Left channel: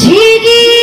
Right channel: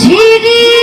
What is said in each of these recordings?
ঝিরি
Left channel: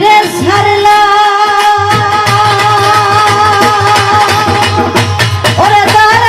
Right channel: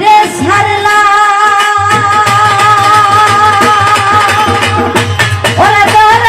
বাড়িরে ছাড়লা ওরে তোরা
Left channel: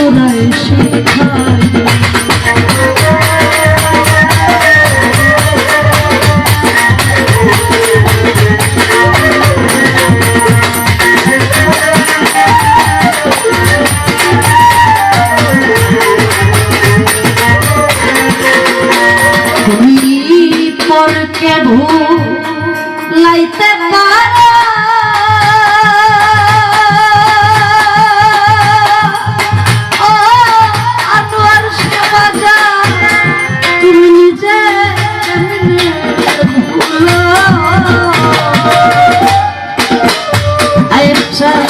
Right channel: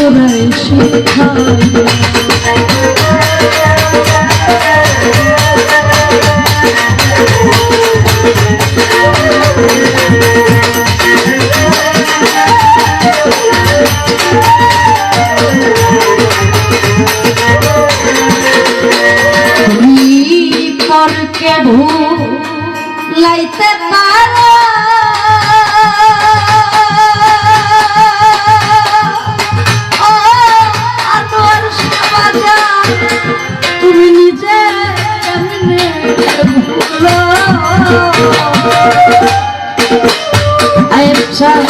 কোন চোরাই